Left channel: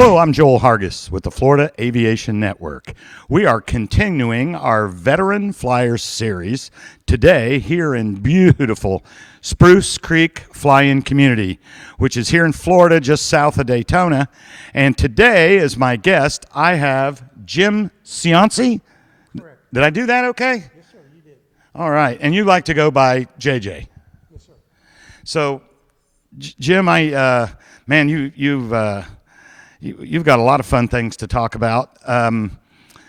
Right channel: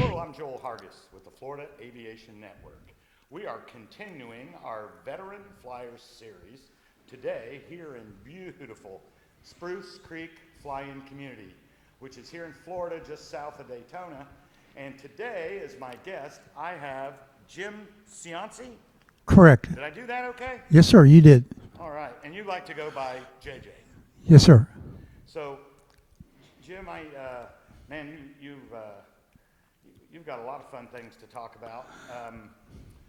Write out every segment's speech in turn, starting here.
Hello, I'm Joel Hargis with the Florida Aviation Network. We are continuing our Veteran Fliers series today here in beautiful Spruce Creek Fly In community, which is here in Florida just south of Daytona. And today, as my guest, I have Jim Cianci. Correct. Did I do that okay? Yes, sir, you did. All right. And you like to go by JJ. Yes, sir. So, Jim, you've got a lot of fun things to talk about.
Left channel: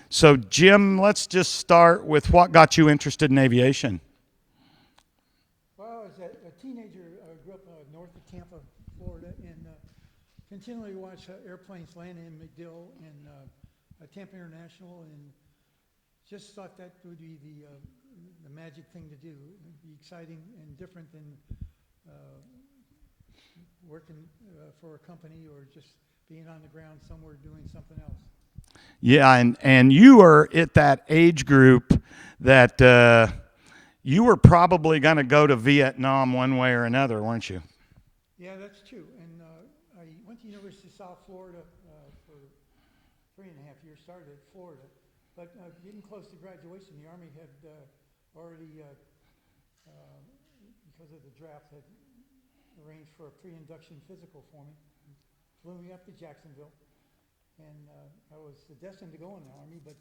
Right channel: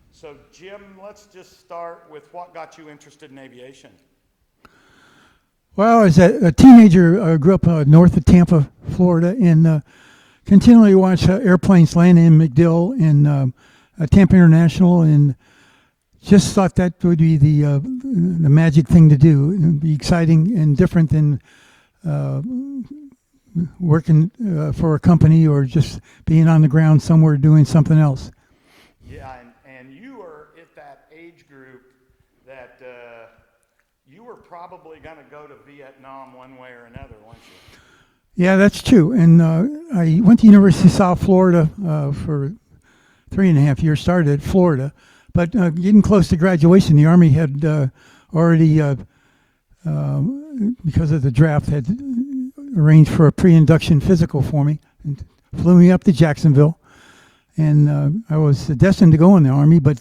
So, Jim, let's just start with what got you interested in aviation. Well, as a teenager, I grew up north of Tampa, Florida, and continually watched airplanes land in MacDill and Tampa International, and just thought that would be the magic thing to do. It would be exciting and different than working for a company or just being on the ground somewhere doing something else. Yeah, and you are at that age group that you were probably going to go to Vietnam one way or another, weren't you? Yeah, that's true. And I went to University of South Florida for 3.5 years, started at Florida. But getting close to graduation, the Army had already, because of the draft, had arranged for a pre-induction physical for me and flew me up to Jacksonville. And I was destined to go in the Army, but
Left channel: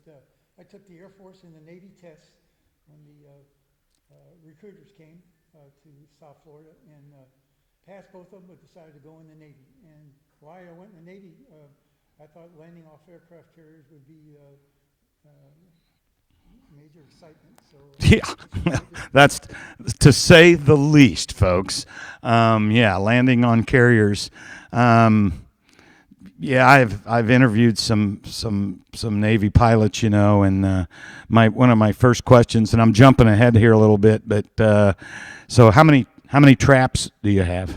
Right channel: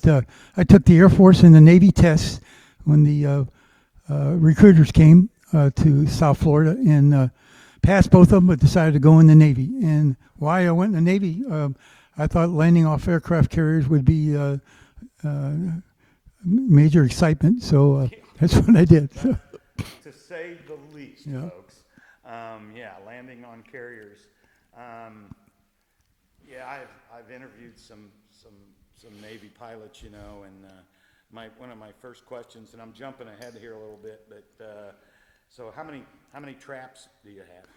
I took the Air Force and the Navy tests when the recruiters came to South Florida and passed both of them, but decided to go in the Navy. And why I went in the Navy, I thought landing off aircraft carriers would be major excitement, so yeah. That's what I did. That's to say the least, folks. Landing on carriers. I've interviewed some Navy pilots, and one of my first questions, and I'm jumping ahead here a little bit, but so how many traps do you have?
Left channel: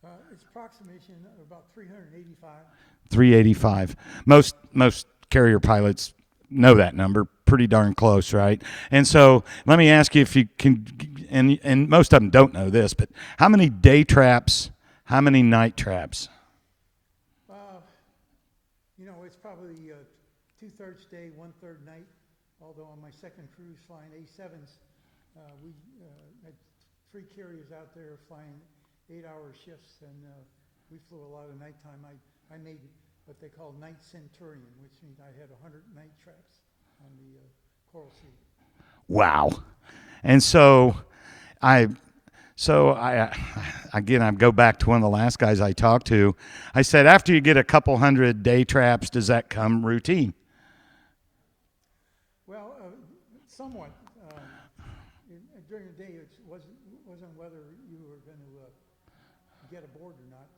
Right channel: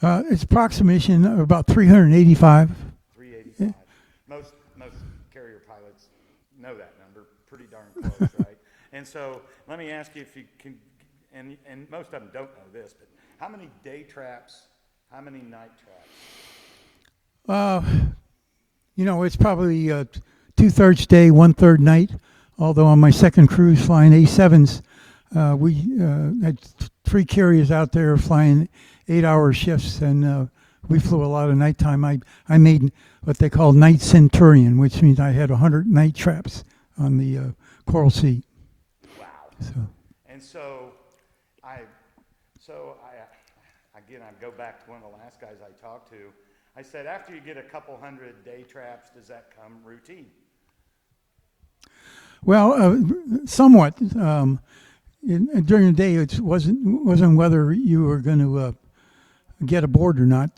It's approximation of about 385. 385. Most carrier pilots know that number pretty darn close, right? And so let me ask you if you can, and most of them don't know this, but how many day traps, how many night traps? It's probably 2/3 day, 1/3 night. Although on my second cruise flying A7s, we had 3 carriers out there flying 8-hour shifts, and we flew a lot of nighttime. I made what they call night centurion, which means I had 100 night traps on the Coral Sea. Wow. And so I go back to one of the last guys I talked to. I said, after you get a couple hundred day traps, does that come routine? Well, somewhat. During the day, it wasn't whether you were going to get aboard or not.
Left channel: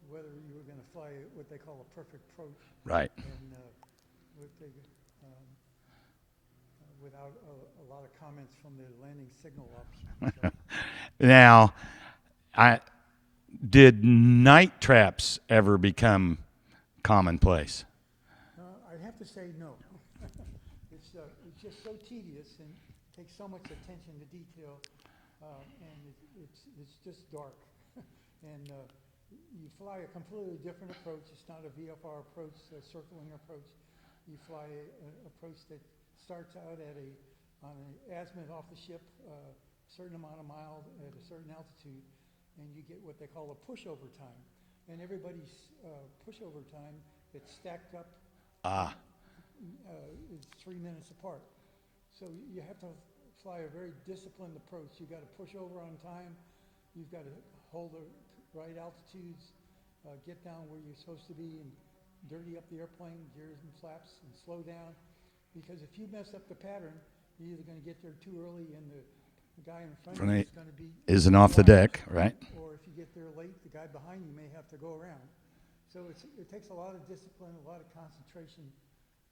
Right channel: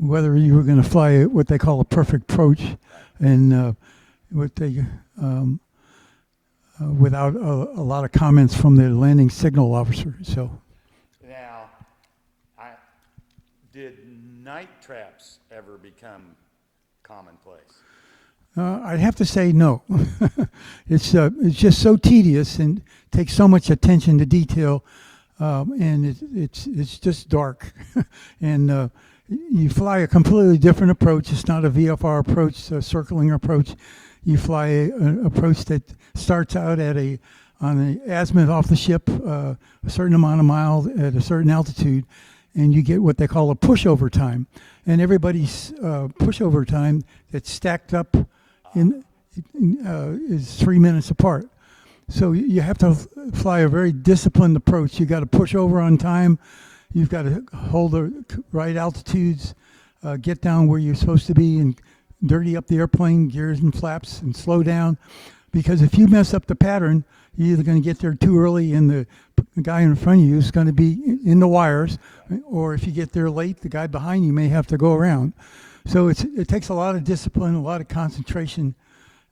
Whether you were going to fly what they call a perfect approach, right? And what they without a lot of comments from the landing signal officer. So now, did night traps ever become commonplace? I'd have to say no. It's just so tedious and takes so much attention to detail, and it's just dark, and you fly a completely different approach. It's not a VFR approach, a circling approach. You fly an approach that starts out on the azimuth off the ship, a certain amount of miles at a certain altitude, and you get what they call a pushover time. And everybody's pushover time that's stacked up is 3 minutes apart. So you have to fly a very disciplined approach. You got to push over on time. You've got to hold the right altitudes, get down where you're supposed to be, and dirty up the airplane, gears and flaps, and slow down. Because if you mess up the pattern, you're either going to get there too early, and the guy in front of you is going to be in the wires. Deck, right? Or if you get there late, the guy behind you may have to go around. So it takes a lot of discipline, a lot of concentration,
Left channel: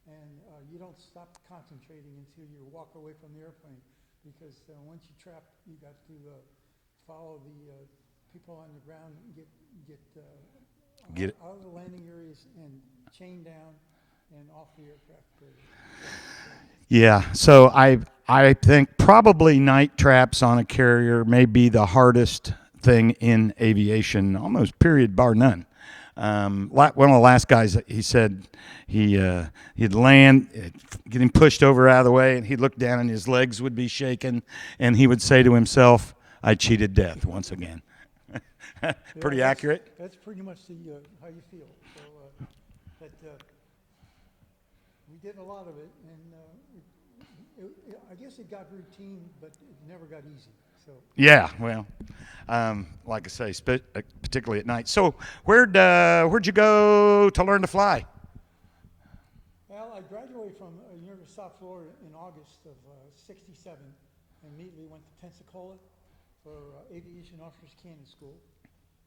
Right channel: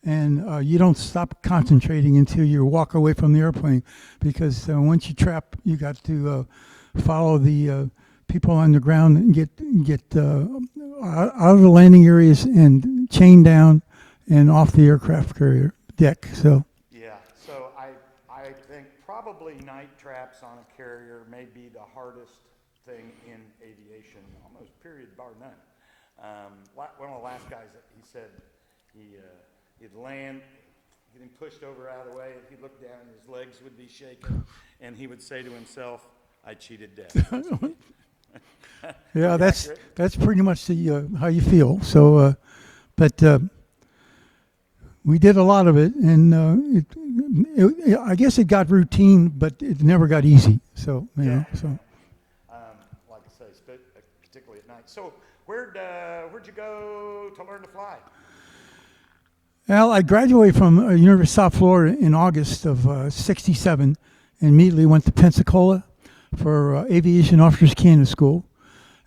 and you don't stop concentrating until you walk away from the airplane. Because once you trap, you got to follow the people on the ground and get out of the landing areas and chain down and off the aircraft carrier deck. So I think probably night traps on a carrier may be the hardest thing in aviation, almost period bar none. One of the last guys, he said he'd land, get him pushed over out of the way, and he'd look down and his legs would be shaking, and he would say to himself, "I cheated death once again." Yeah, accurate. That's pretty much the how you feel. So, but we did a lot of it, and I guess it got routine, but it never got easy. So yeah, well, like I say, particularly at night. So where'd you go to learn to fly? Well, I graduated from University of South Florida in August of '67, and immediately went to Pensacola for Aviation Officers Candidate School,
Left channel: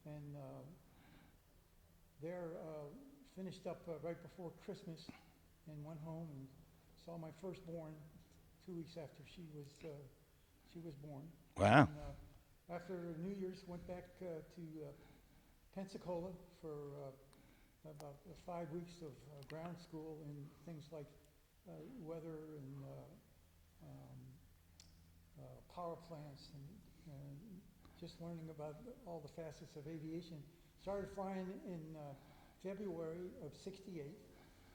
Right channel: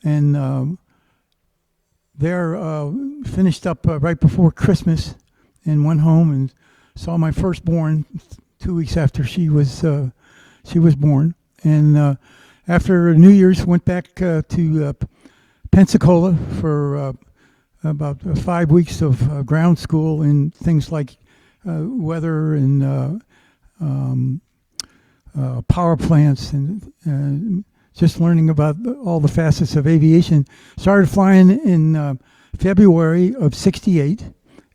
and there finished up right before Christmas, and went home and saw my firstborn 2 weeks after she was born. Wow. And after New Year's, went back to Pensacola for about 5 weeks of ground school in things like weather and power plants, and just learning about all the facets of aviation. Started flying in February of '68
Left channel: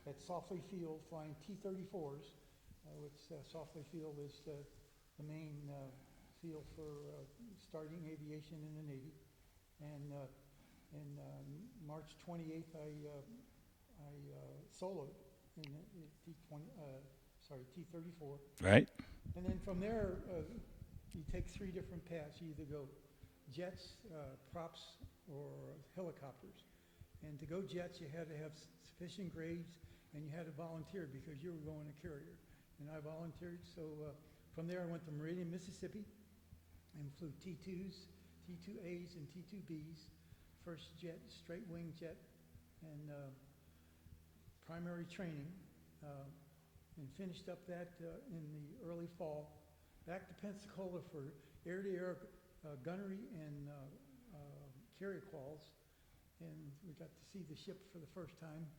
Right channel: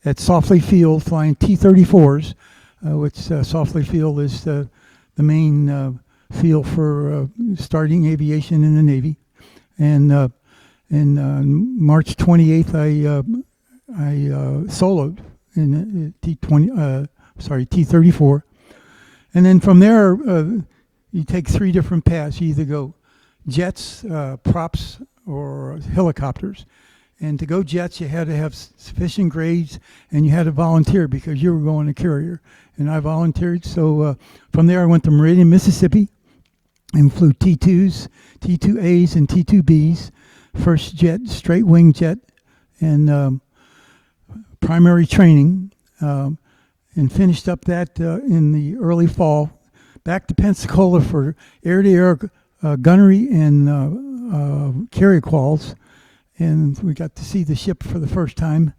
at Softly Field, flying T-34s, which Softly Field is the main field for starting aviation in the Navy. And March 28th, I soloed in T-34. Right. And then from there, you take 3 different paths. You either go jets, props, or helicopters. And to go jets, you had to have sufficient grades, and you had to volunteer because you were going to carrier. And I volunteered. So from there, I went to Meridian, Mississippi, and flew T2s, T2As, and T2Bs. First jet, straight wing jet, and primary training, and finished up that in the early fall. Back to Pensacola for air-to-air gunnery and carrier quals, and we got to see the ship for the first time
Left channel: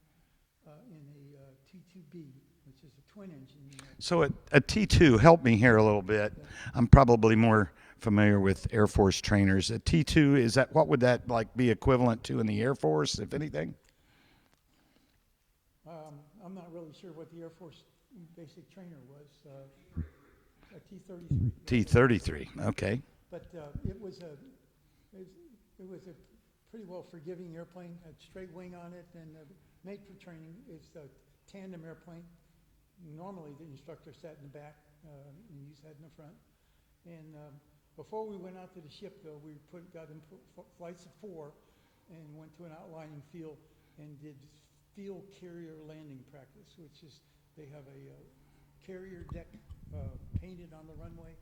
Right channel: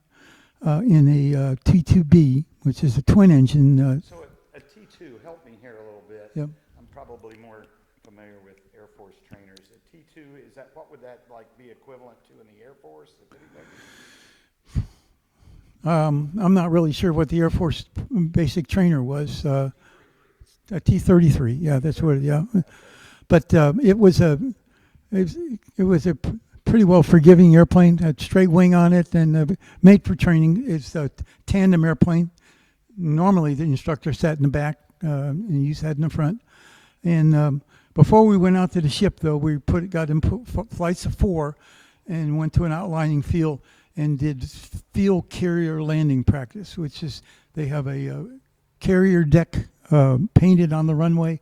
in a T2B, which is a twin engine. So a T2, help me here a little bit. Yeah. I'm probably more familiar with Air Force trainers. A T2, what would that be equivalent to in the Air Force, if anything? I'm not really sure what the Air Force basic trainer was. A T-33, yeah, T-33. that's right. Yeah. Okay. But it was a pretty well forgiving airplane. Had straight wing on it, and made for training. It's a tandem airplane. Normally, the instructor sat in the back, and you sat in the front. And before we went out to the ship, though, we got in flights of 4, and went to an outlining field and did field carrier landing practice, which is they have a carrier deck painted on the runway,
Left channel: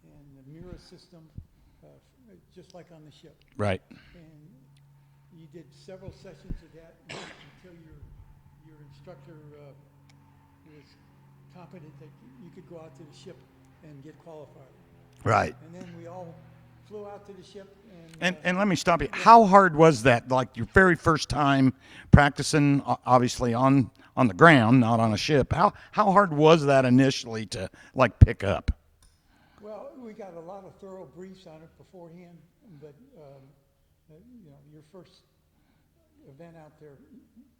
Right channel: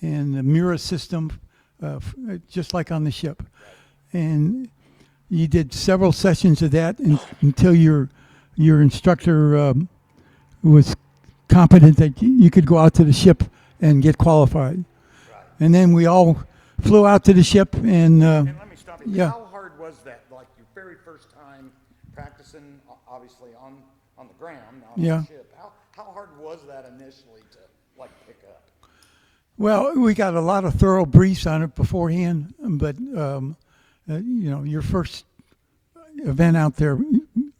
and a mirror system, just like on the ship. Right. And you did several sessions of that until your instructor was competent that you could go out to the ship and get qualified. Right. And then we all flew out to the ship, and let me stop you. Yeah. How hard was that? Like your very first time practicing, obviously on the ground, not on a ship. How hard was that initially to pick up? Well, we got a lot of thorough briefs on it beforehand, but your first event out there,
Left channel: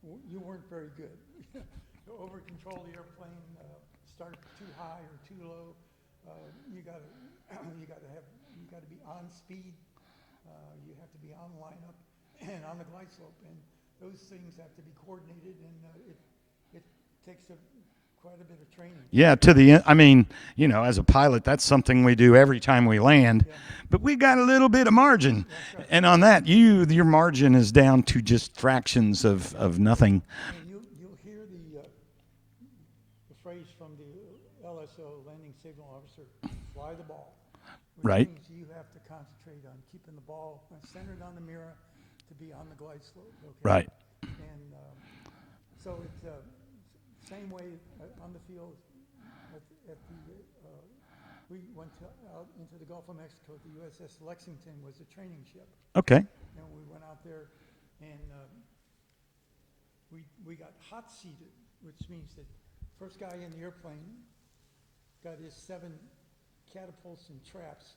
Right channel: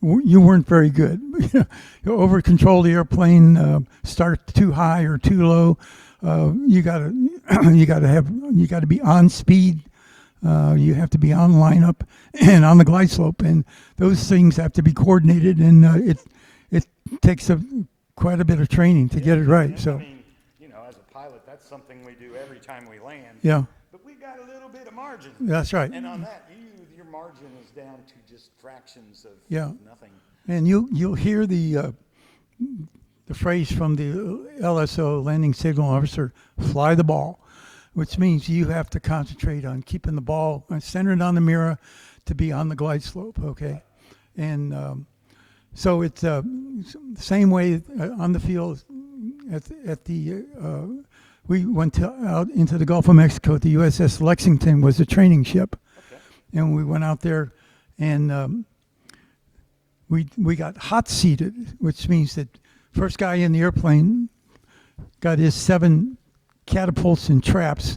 you weren't very good. You over control the airplane, start too high or too low. You gotta be on speed. You have to be on lineup and on the glide slope, and those things have to be coordinated. And it takes quite a bit of training to get it to right. the end. I mean, as a pilot, that's something we do every time we land. Yeah. But we got a little bit of margin. That's right. And on that, your margin is down to just fractions of nothing. And you'll hear the phrase from the LSO, landing signal officer, "fly the ball," which Right. means you have to concentrate on keeping the ball centered on the mirror to be on the glide slope. Okay. Right. And so it's the same way on the field. We went out into the Gulf of Mexico. The USS Lexington was a training ship. Okay. And we went out there, and we got hot seated, which means that first guy in the airplane got his 7 catapults and traps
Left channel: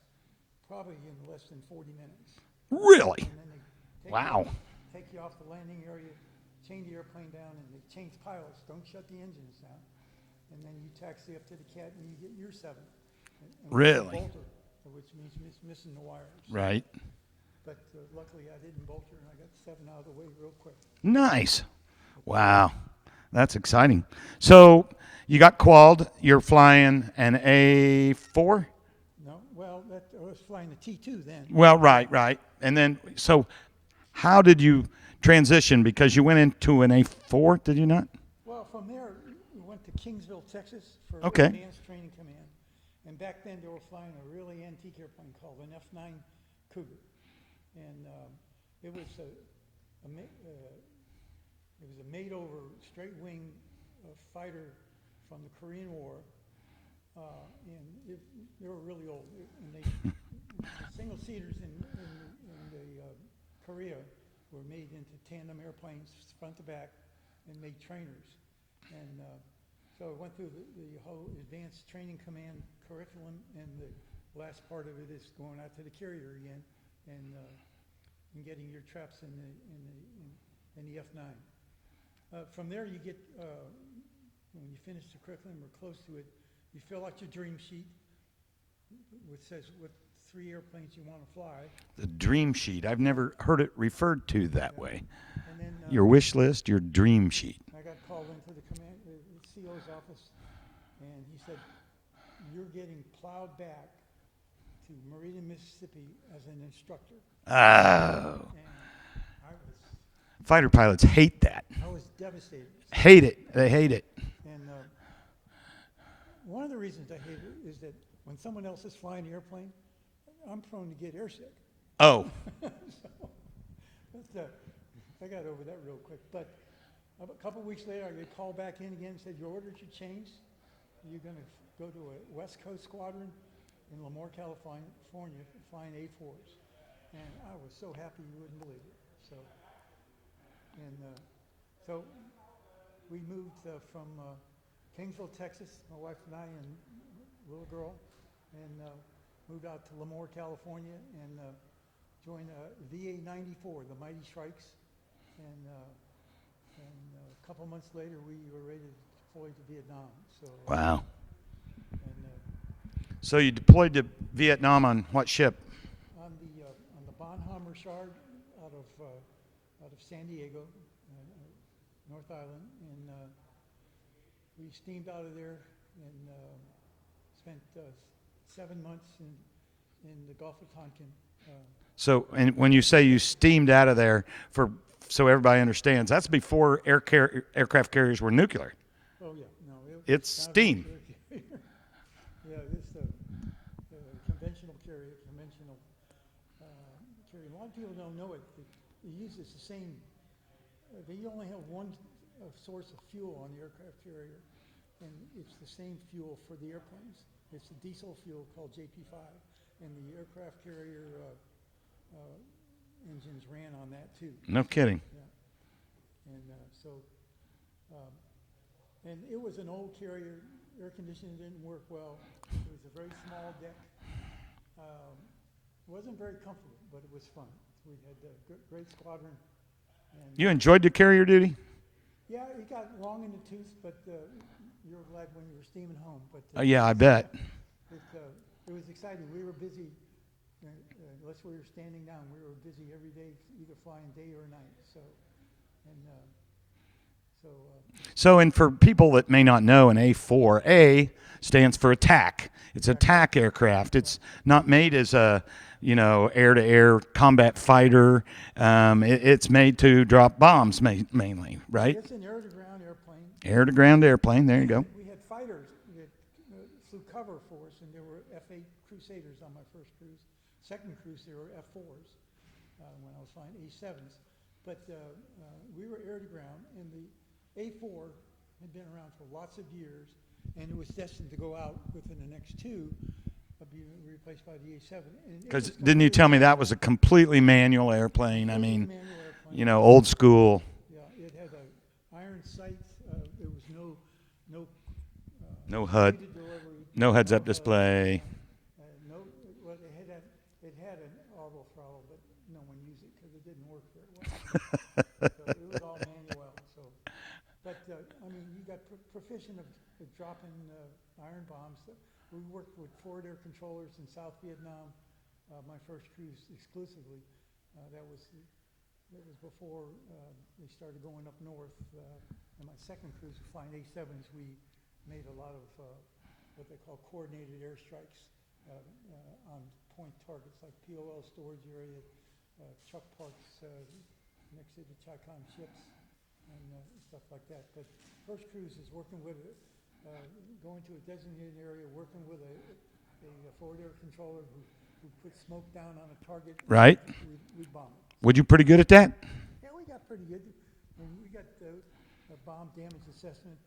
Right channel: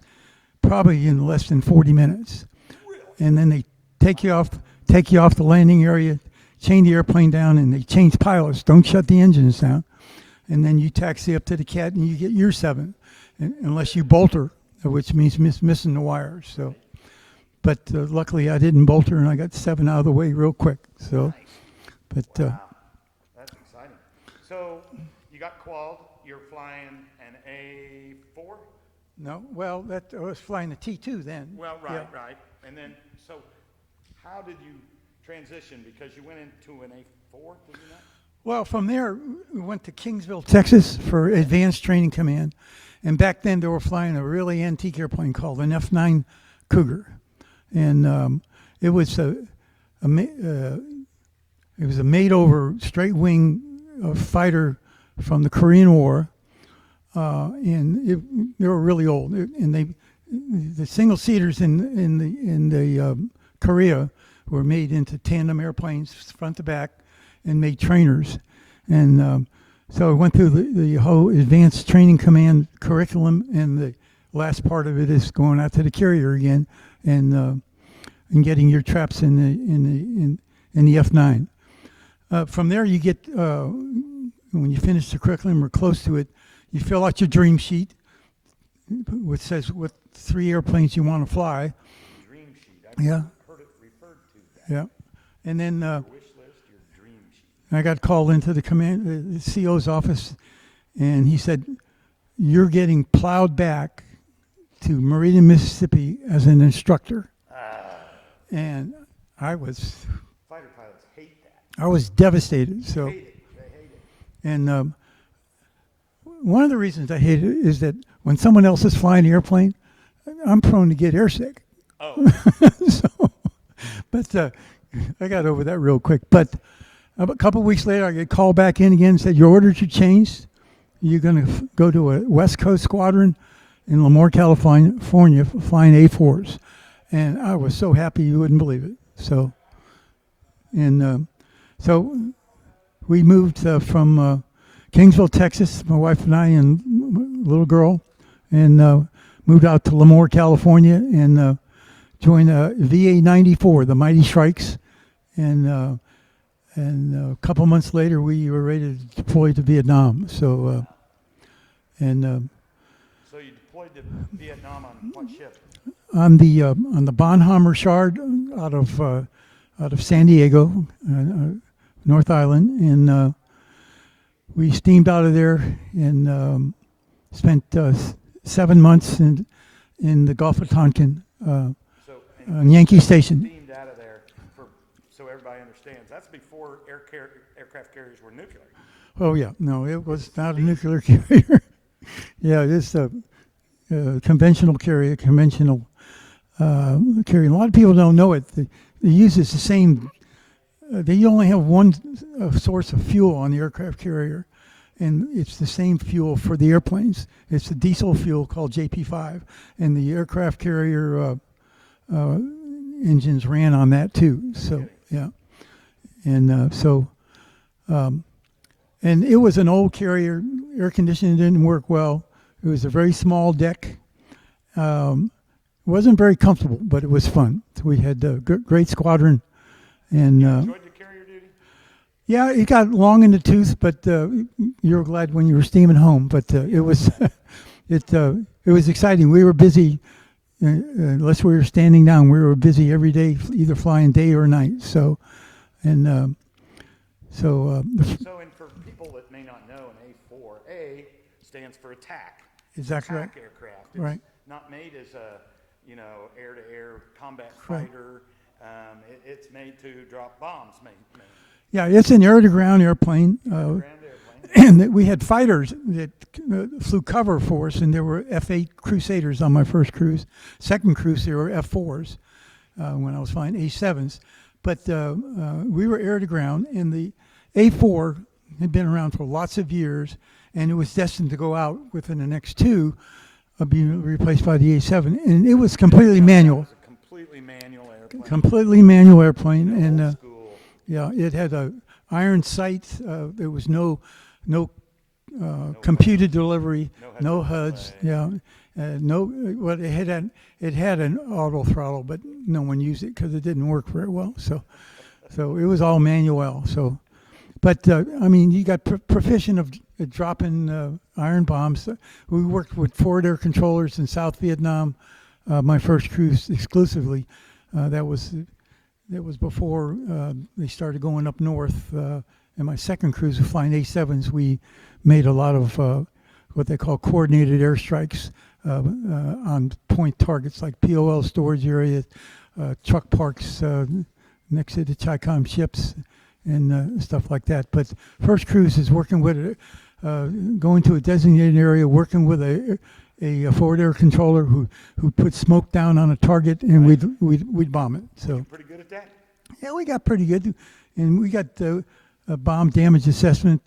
probably in less than 40 minutes. Really? And then they take you Wow. off take you off the landing area, chain the airplane down, and they change pilots. Don't shut the engines down. And then you taxi up to the cat, and you get your 7, unless Really? you bolter, which means missing the wires. So. Right. But luckily, I didn't bolter, and I got 7 out of the way real quick. So, Nice. but, Wow. That's exciting. So you got qualled. You're flying an A4? No, well, I was flying the T2 then. Well, right. And then, so how did you transition? Because you went into an A4, did you not? Well, from there, we went to Kingsville, Texas for Okay. Advanced Training Command. And back then, they were flying a really antique airplane called an F9 Cougar. And it was a made-over straight-wing fighter from the Korean War. And they were really old. And the single-seaters in the Korea were made into tandem airplanes, front to back, and made trainers. And so I went through the whole Advanced Training Command curriculum, and the last part of it is going out to the carrier again and getting your traps in the F9. From there, you get when you finish the curriculum or close to it, you fill out your dream sheet, which says what 3 airplanes you want to fly. The dream sheet. I've Yeah. never heard it referred to that Yeah. way. And then Your wish list, your dream sheet. I got called into the CO's office, and he said, "You're getting plowed back to Meridian, Mississippi as an instructor." Oh. And I was Fighter pilots hate that. devastated. So, Hate it. They hate it. And one of the reasons I hate it is that when someone else is flying the airplane, I'm prone to get airsick. Oh. So, but I got over that real quick. But a couple of weeks later, I get called back in again and said, "Your orders are changed. You're going to go to a West Coast squadron in Lemoore, California, flying A4s." And I was so happy you wouldn't believe it. So we moved from Kingsville, Texas, my wife and I and little girl, and moved out to Lemoore, California, and joined VA 94, the Mighty Shrikes, and a couple months later we were ready to deploy to Vietnam. So Wow. and So you deployed to Vietnam on what ship? on the Bonhoeffer Shard out of San Diego, North Island, and we steamed out of there and spent 7 months in the Gulf of Tonkin. So, and when you Yankee say Station. you steamed out of there, so everybody understands, that's before aircraft carriers were nuclear. Oh yeah, no, it was It's not steam. a nuclear carrier. Yeah, it is a conventional carrier, carrier. A lot of people don't know it. It uses the same. They only have one source of fuel on the aircraft carrier, and it's the same fuel for the airplanes. It's the diesel fuel called JP5, and the aircraft carrier engines ran on that too. No kidding. Yeah, and and it was an old carrier. Air conditioning didn't work well. It was a very small deck. It wasn't very comfortable, but it was fun. So we had a great squadron. And You enjoyed the carrier duty? yeah, it got long in the tooth, but you were glad when you were steaming home. But Yeah, it was, I bet. it was exciting. We were busy, unless we were standing down. We were busy every day, either flying day or night. So, and So, and for people that may not know, an A4A stands for attack. It's Exactly. attack aircraft. It's Right. not made as a, air-to-air combat fighter. It's made to drop bombs mainly, right? yeah, it's an air-to-ground airplane. Air-to-ground airplane. There you go. And we had fighters that flew cover for us, and there were F-8 Crusaders on my first cruise. Second cruise, there were F-4s when I was flying A-7s. But we were air-to-ground, and the A-4 had been around for lots of years, and it was destined to go out within the next 2, being replaced by the A-7. And it was completely Didn't you tell manual. me that was a completely manual airplane? Completely manual airplane. You know, and, old school. Yeah, it had a iron sight. There was no HUD. computer delivery. No heads-up HUDs, display. Yeah, No, well, it had an auto throttle, but no one used it because it didn't work very well. So, so it was all manual. So, but I mean, you got proficient of dropping iron bombs. We worked with forward air controllers in South Vietnam. My first cruise exclusively. That was before they started going up north. And my second cruise of flying A7s, we made a lot of what they call coordinated airstrikes on point targets like POL storage areas, truck parks next to the Chi-Com ships, and stuff like that. But first cruise is working with going to a designated area, working with a forward air controller who put smoke down on a target, and Right. we'd bomb it. So, Would you pretty good at that? yeah, we got pretty good, and we got a bomb damage assessment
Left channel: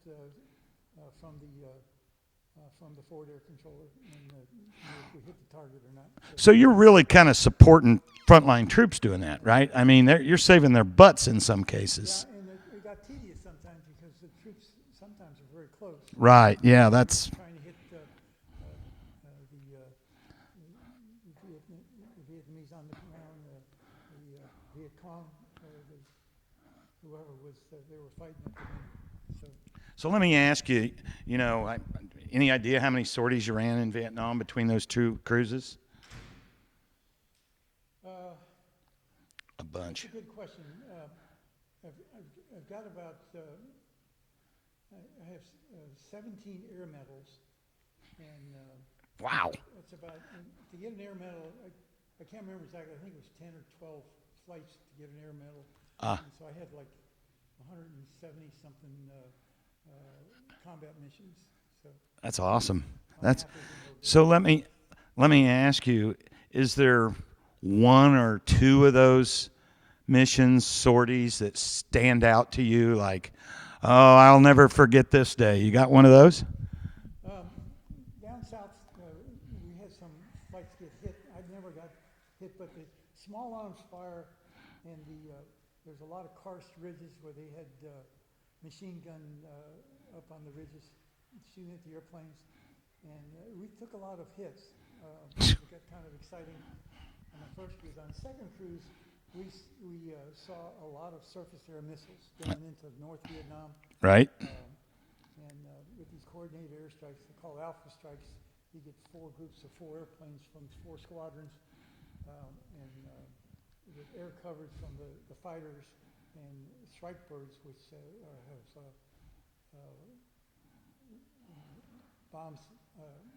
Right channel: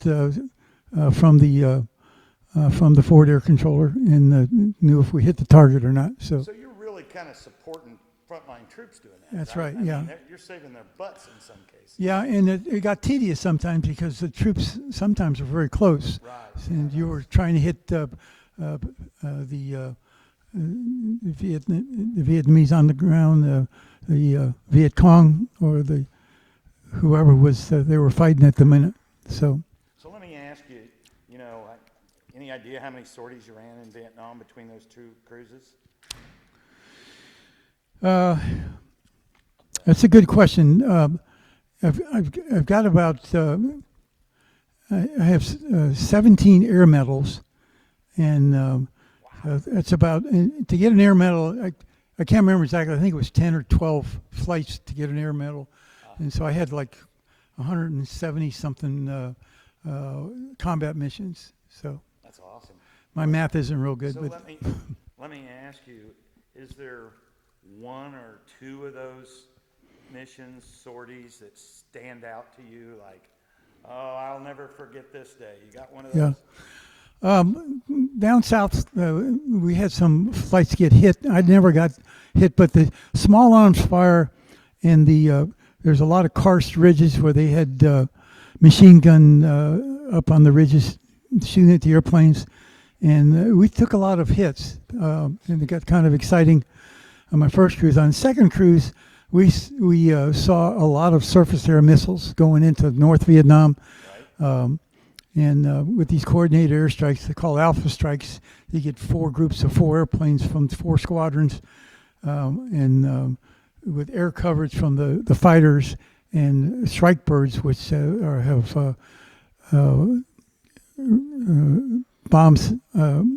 from the forward air controller, and knew if we hit the target or not. So you're really kind of supporting frontline troops doing that, That's right? right, I mean, you're saving their butts in some cases. yeah, and it got tedious sometimes because the troops sometimes are very close. Right. So Yeah. they That's were trying to hit the Vietnamese on the ground, the Viet Cong, or the whoever was they were fighting at the minute. So So let me ask you. You know, any idea how many sorties you ran in Vietnam between those two cruises? that's a good question. I've got about I have 17 air medals, and Wow. that's about to get an air medal. I can't remember exactly. I think it was 10 or 12 flights to get an air medal, and so I had like 170 something combat missions. So That's awesome. my math isn't real good. So but let me ask you: is there one or two of those missions, sorties, that stand out to you? Like, oh, I'll never forget this day. You got one of those? down south, we had some flights get hit. I never got hit, but the small arms fire and there's a lot of karst ridges where they had machine gun up on the ridges shooting at the airplanes, and we took a lot of hits. And it got kind of exciting on my first cruise. On the second cruise, we saw a lot of surface air missiles going into North Vietnam. Right. And with these coordinated airstrikes, they're called alpha strikes. You get 4 groups of 4 airplanes from 4 squadrons, and with air coverage from the fighters and strike birds, which have bombs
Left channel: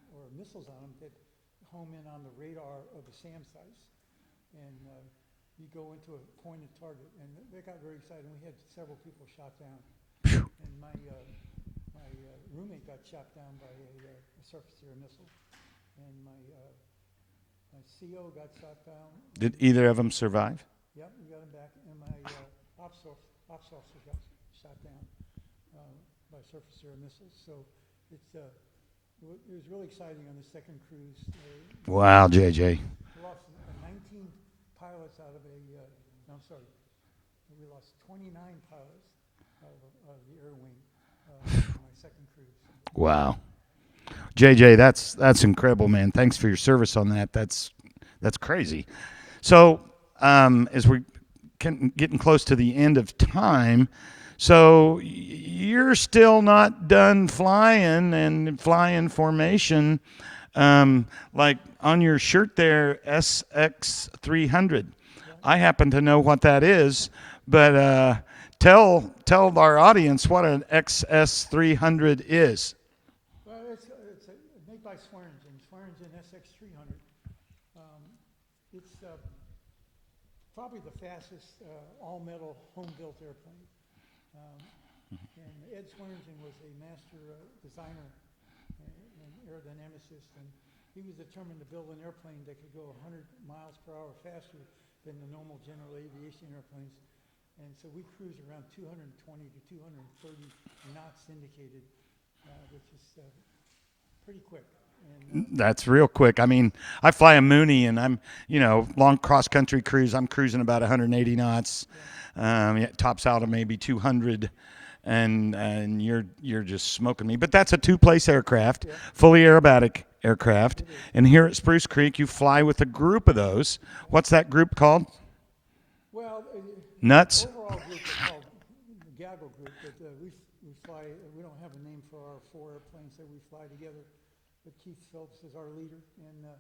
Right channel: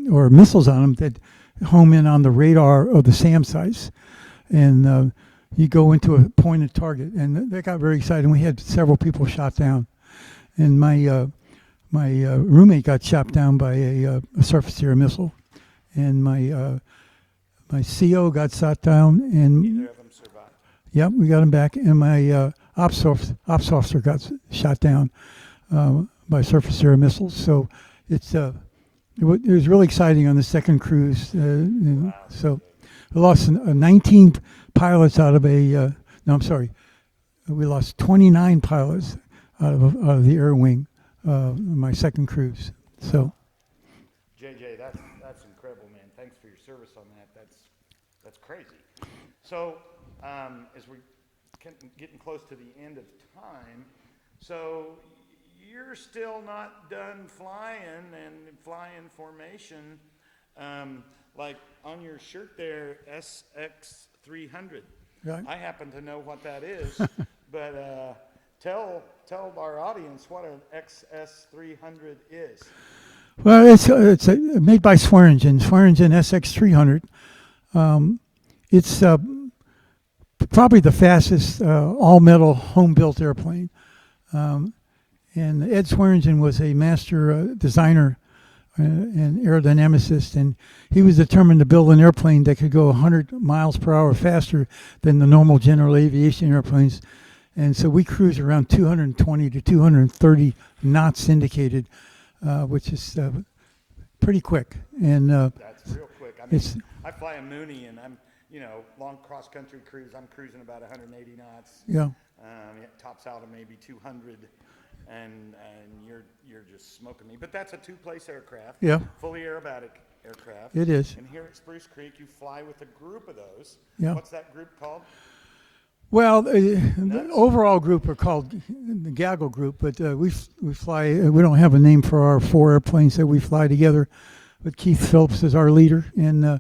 or missiles on them that home in on the radar of the SAM sites. And you go into a pointed target, and that got very exciting. We had several people shot down, and my roommate got shot down by a surface air missile, and my CO got shot down. And Did either of them survive? Yep, we got him back, and my ops officer got shot down by surface air missiles. So it was really exciting on the second cruise. Wow, JJ. So we lost 19 pilots out of no, I'm sorry. We lost 29 pilots out of the air wing in my second cruise. Wow. JJ, that's incredible, man. Thanks for your service on that. That's crazy. So as we're getting close to the end of time, so you're still not done flying and flying formation, like on your shirt there, SX 300. Yeah. I happen to know what that is, but tell our audience what an XS 300 is. Well, it's made by Swearingen SX 300. It's probably the fastest all-metal home-built airplane. And Ed Swearingen was a master designer and aerodynamicist, and he was determined to build an airplane that could go 100 miles per hour faster than the normal general aviation airplanes. And so we cruise around 220 to 230 knots indicated, which is pretty quick. And That's real quick. I mean, I fly a Mooney, and I'm, long cross-country cruise. I'm cruising about 180 knots. Yeah. It tops out at maybe 200, and you're just smoking me. But that's a 2-place aircraft, Yeah. fully aerobatic. aircraft. It is. And here at Spruce Creek, you fly with a group of those. Yeah. What's that group called? Well, Nuts? the overall group are called the Gaggle Group, but we fly. We don't have a name for our 4 airplanes that we fly together. But Keith Phillips is our leader, and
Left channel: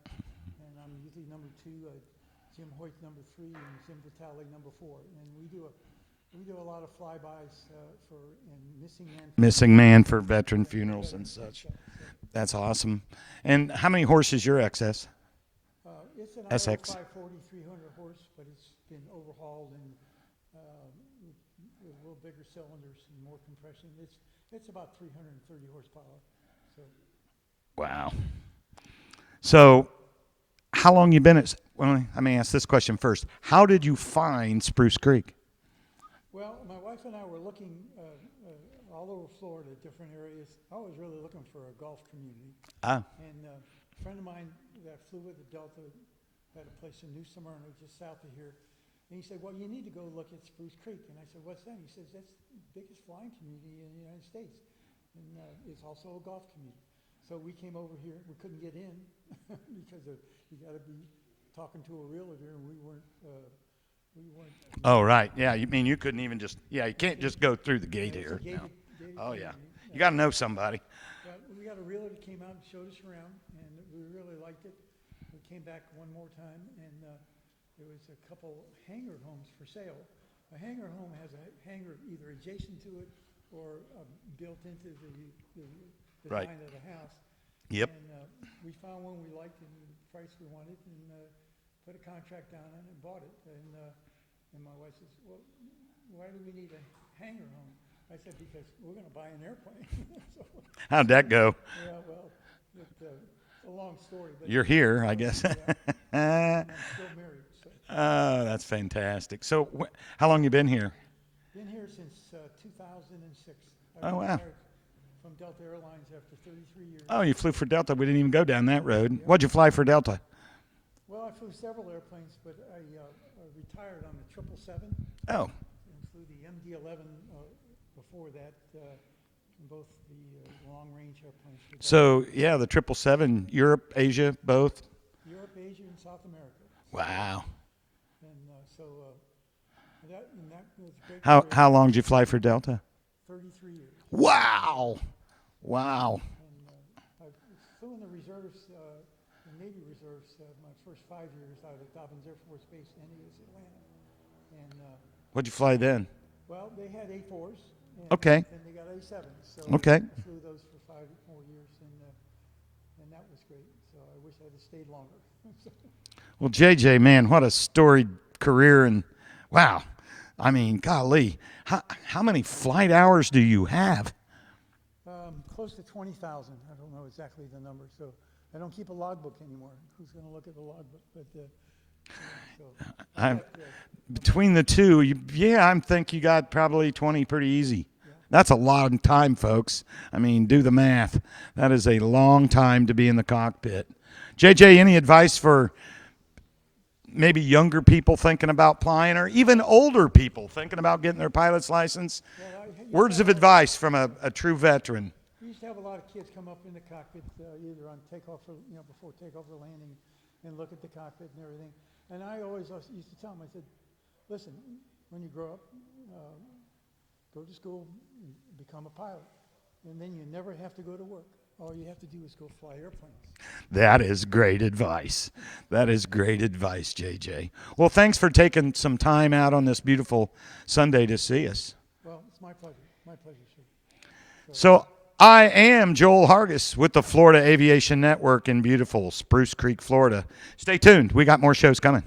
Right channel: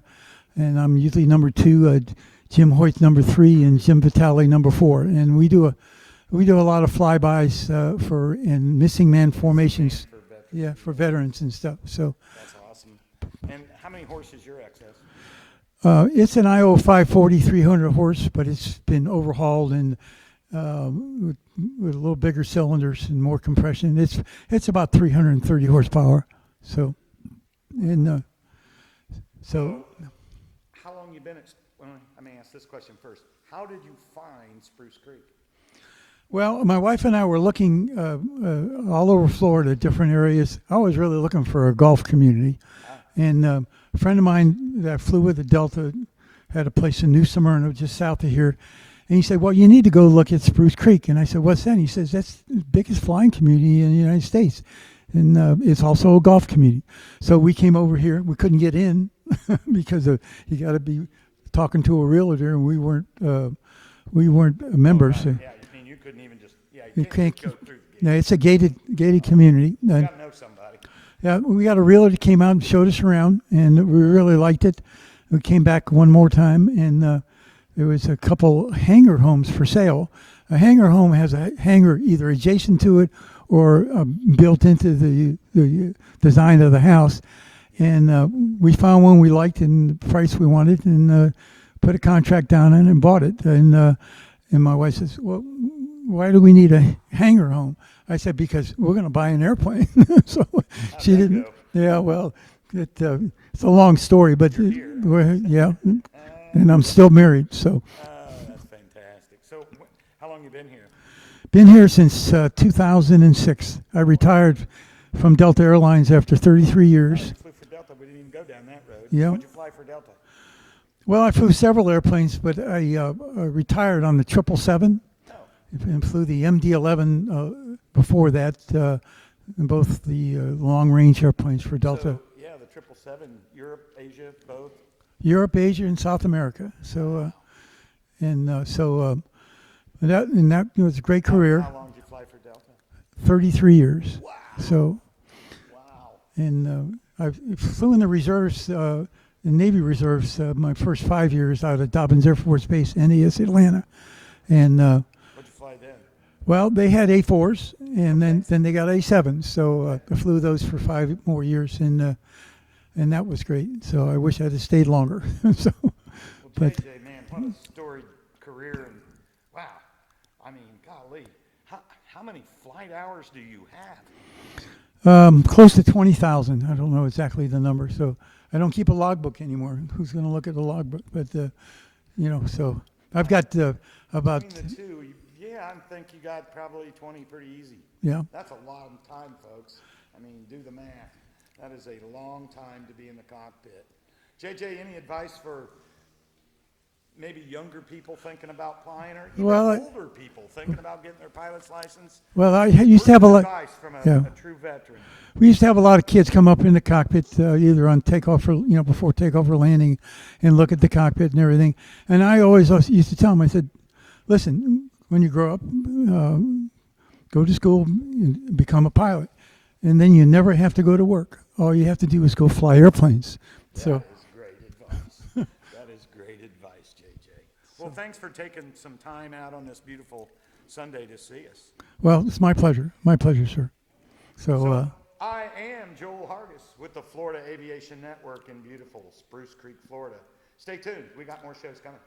I'm usually number 2. Jim Hoyt number 3, and Jim Vitale number 4. And we do a lot of flybys for and missing man formations. Missing man for veteran Yeah, funerals. for veterans and stuff. So That's awesome. And how many horses your XS? it's an IO SX. 540 300 horse, but it's been overhauled and with a little bigger cylinders and more compression. It's about 330 horsepower. So Wow. and, So how long you been at, well, let me ask this question first. How did you find Spruce Creek? well, my wife and I were looking all over Florida, different areas. I was really looking for a golf community. And a friend of mine that I flew with at Delta had a place in New Smyrna, just south of here. And he said, well, you need to go look at Spruce Creek. And I said, what's that? And he says, that's the biggest flying community in the United States. And it's also a golf community. So we came over here. We couldn't get in because you got to be talking to a realtor, and we weren't members. Oh, right. Yeah, you mean you couldn't even just, you can't just go through the gate. Yeah, it's a here. gated community. You got to know somebody. Yeah, we got a realtor that came out and showed us around, and we really liked it. We came back one more time, and there was a couple hangar homes for sale. A hangar home has a hangar either adjacent to it or built into the design of the house. Yep. And we found one we liked and the price we wanted, and put a contract down on it and bought it. And my wife says, well, why do we need a hangar home? I said, because we're going to buy an airplane. So How'd she that didn't- go? Yeah, well, it's a long story, but You're here, I guess. Yeah, and I'm still married. So Oh, that's fantastic. So how long you been here? been here since 2006. I retired from Delta Airlines after 33 years. Oh, you flew for Delta. We didn't even go down that road. Yeah. What'd you fly for Delta? Well, I flew several airplanes, but I retired on the 777 Oh, and flew the MD-11 before that, and both the long-range airplanes for Delta. so yeah, the 777, Europe, Asia, both. Europe, Asia, and South America. So, Wow. that was a great How career. long did you fly for Delta? 33 years. Wow. So, Wow. and I flew in the reserves, the Navy reserves, my first 5 years out of Dobbins Air Force Base, NAS Atlanta. And What'd you fly then? well, they had A4s, and Okay. then they got A7s. So Okay. I flew those for 5 more years, and that was great. So I wish I'd have stayed longer. So Well, JJ, man, what a storied career. And wow. I mean, golly, how many flight hours do you have? close to 20,000. I don't know exactly the number. So I don't keep a logbook anymore. Who's going to look at the logbook? But so I've got about, Between the two, I think you got probably 20 pretty easy. yeah. That's a long time, folks. I mean, do the math. That is a long time to be in the cockpit. JJ, any advice for maybe younger people thinking about flying, or even Well, older people thinking about getting their pilot's license? Well, I used Words to have of a lot. advice from Yeah. a true veteran. We used to have a lot of kids come up in the cockpit, either on takeoff or before takeoff or landing, and look at the cockpit and everything. And I always used to tell them, I said, "Listen, when you grow up, go to school and become a pilot, and then you never have to go to work. All you have to do is go fly airplanes." That is great advice. That is great advice, JJ. Well, thanks for taking some time out on this beautiful Sunday to see us. Well, it's my pleasure. My pleasure, sir. So I am Joel Hargis with the Florida Aviation Network in beautiful Spruce Creek, Florida. Stay tuned. We got more shows coming.